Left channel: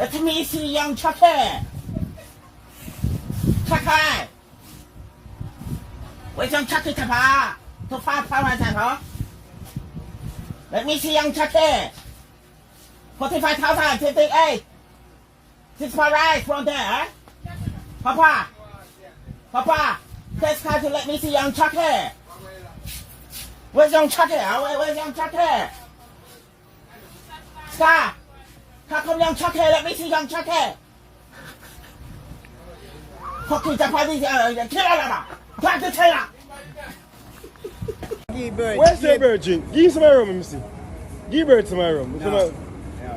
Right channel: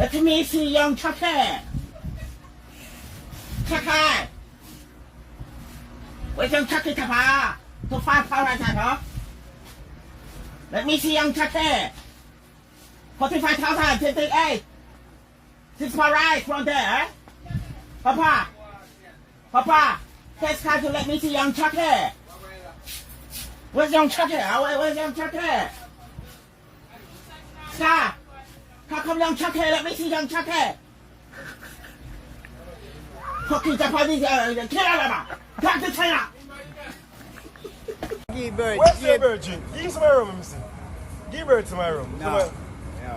Let me see young Chucky. Chucky. Where's young Chucky, Papa? To 5,000, huh? Let me see young Chucky. 45,000, 58. This is my right from there, eh? Papa. Papa. Test card to let me see young Chucky. Where's young Chucky? Where's young Chucky? Scar. How come young Chucky? Let me see young Chucky. Fucking Japanese, kill him. Back to China. Give bird. Where's the bird, G? Give some room, Mr. Give bird to my room. No.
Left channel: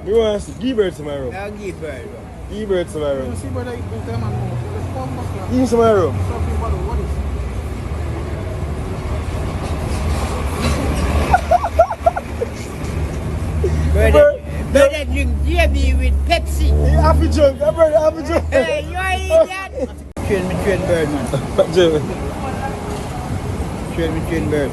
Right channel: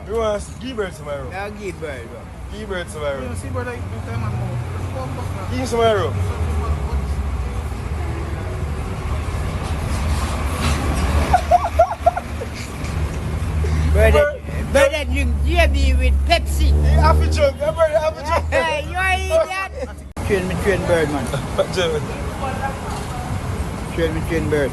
You want to see? Give bird to my room. I'll give bird. Give bird to my room. See, brother, you can come and move. Give some my room. Bird that drink JB with Pepsi. Happy jump. Happy jump. Hey, you are idiot. Train bird, man. Train bird.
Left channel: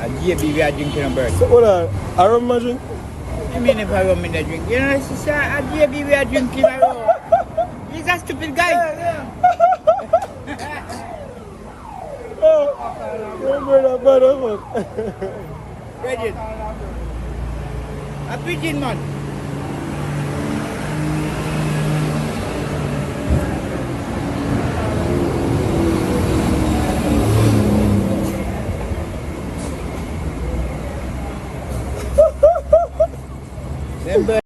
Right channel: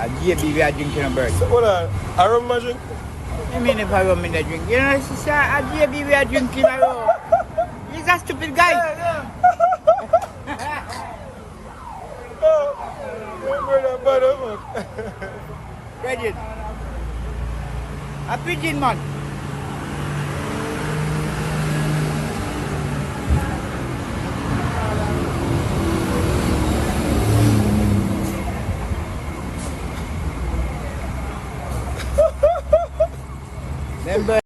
A JB we are drinking a bird. Hold on. I don't imagine. I mean if I rum in the drink. You know, sister, a JB we are drinking a row. He's a stupid guy. Ready? A pigeon man.